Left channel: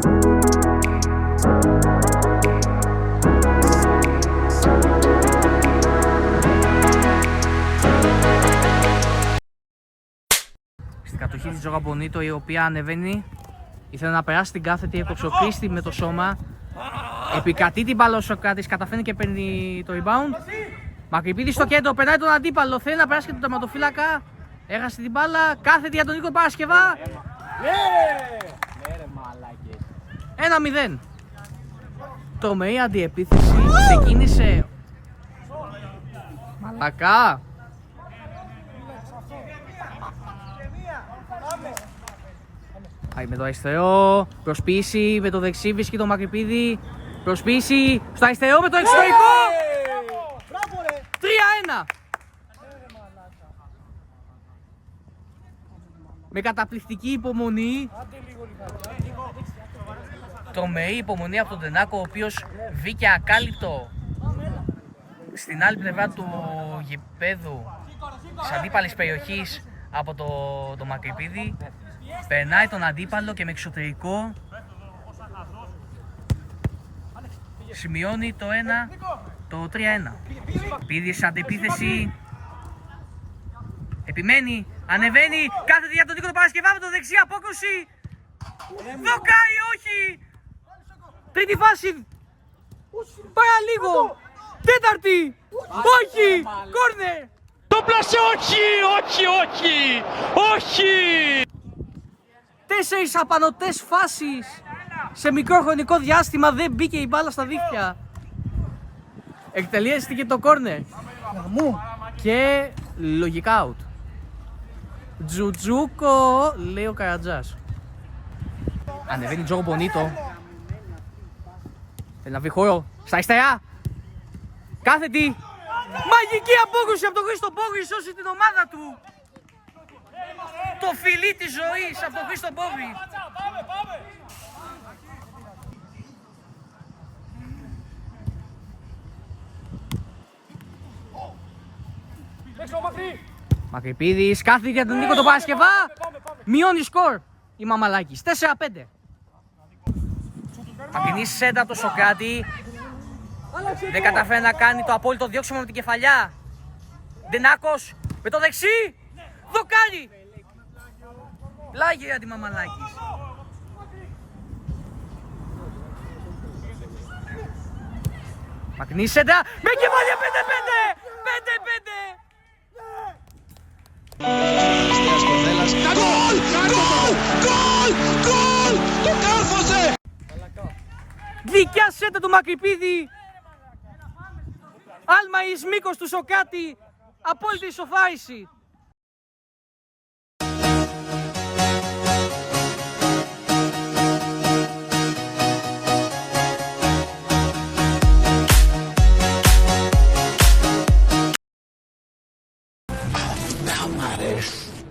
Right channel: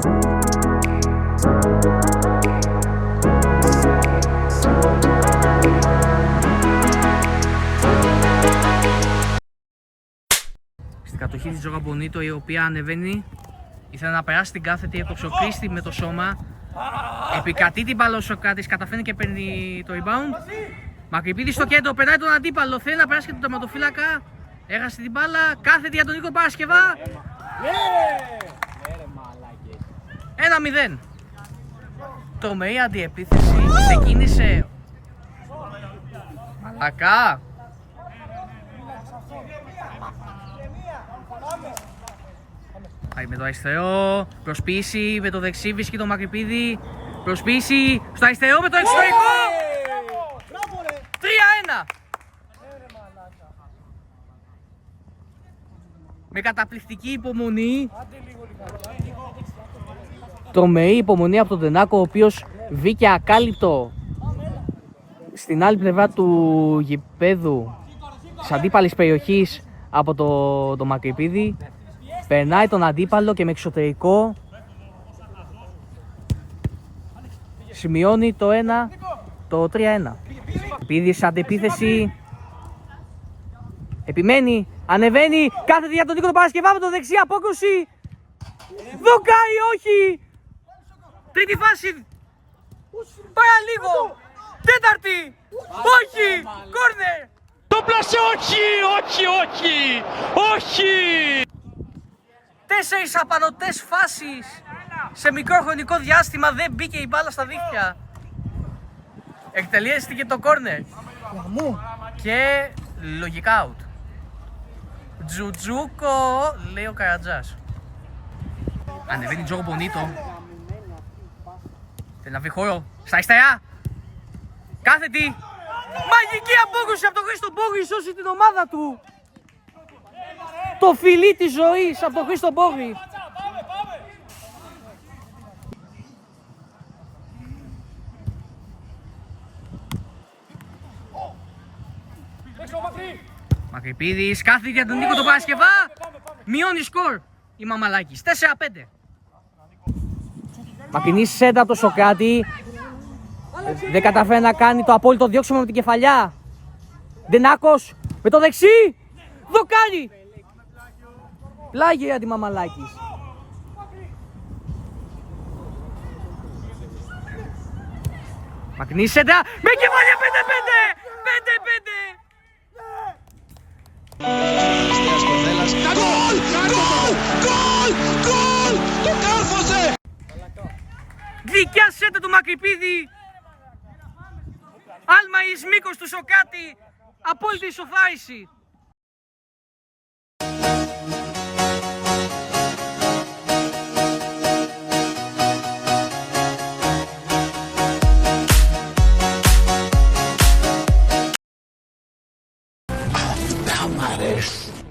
Στην κατοχή της Τζόγα Μπονίτο, η οποία ανεβαίνει, ήθελε να περάσει την κάθετη, έκοψε ο Κρίστη με το σώμα. Επικρατεί την μπάλα ο Σοκράτης, καταφέρνει και παίρνει το rebound. Μακρυπίδης στο κέντρο, περνάει τον αντίπαλο, θέλει να περάσει και τον τερματοφύλακα. Έχασε την μπάλα, κάθετη για τον Νίκο Παρασκευά. 1-0. Τρομερή αντιεπίθεση, ξεκίνησε Μαλακά. Πάει με το αριστερό, προσποίηση με το δεξί, βρίσκει τον Μακρυπίδη. Προσποίηση στο αριστερό με το εξωτερικό. 3-1. Με καταπληκτική υπομονή. Τρομερή υπομονή από τον Τενάκο, ο οποίος βγήκε ακάλυπτο στην άλλη πλευρά του γηπέδου της αντίπαλης περιοχής από το Μακρυπίδη. Περνάει τον αντίπαλο και με εξωτερικό σημειώνει το 3-1. Πήδη σε αντεπίθεση, επιμένει, ανεβαίνει, κάθεται για τον Νίκο Παρασκευά με το δεξί, απόκρουση. Δοκάρι, όχι! Τρίτη φάση, παραλίγο, τέταρτη, όχι, κόρνερ. Το πλάσε, όχι, όχι, όχι, όχι! 4 απανωτές φάσεις σε μικρό χρονικό διάστημα, δεν μπήκε η μπάλα στα δίχτυα. Εκτελέστηκε το κόρνερ και λογικά out. Τζουτζούκο, λέει ο Καρατζάς. Ανεβαίνει Τζόγο Μπονίτο. Θέλει να βρει χώρο στα αριστερά. Κάθετη. Μαγική απόκρουση από τον Χρήστο Μπόγρη, σώσει την ομάδα του. Το φιλί της ζωής από τον Χρήστο Μπόγρη. Μακρυπίδης, κάθεται για τον Νίκο τον Παρασκευά. Μειώνει σκορ η Μαμαλάκης, 4-5. Μακρινή σέντα από το Σοκράτη. Δεν καταφέρει να κάνει το απόλυτο διώξιμο με την κεφαλιά. Ντενάκος με το δεξί. Δοκάρι. Πλάγι για τη Μαμαλάκης. Μακρινή σέντα με κεφαλιά, 5-5. 5-5. Γκολ! Γκολ! Γκολ! Γκολ! Το κάρφωσε! Δικιά σέντα του Μακρυπίδη. Άλμα εις μήκος του Σοκράτη. Απόλυτη ισοφάριση.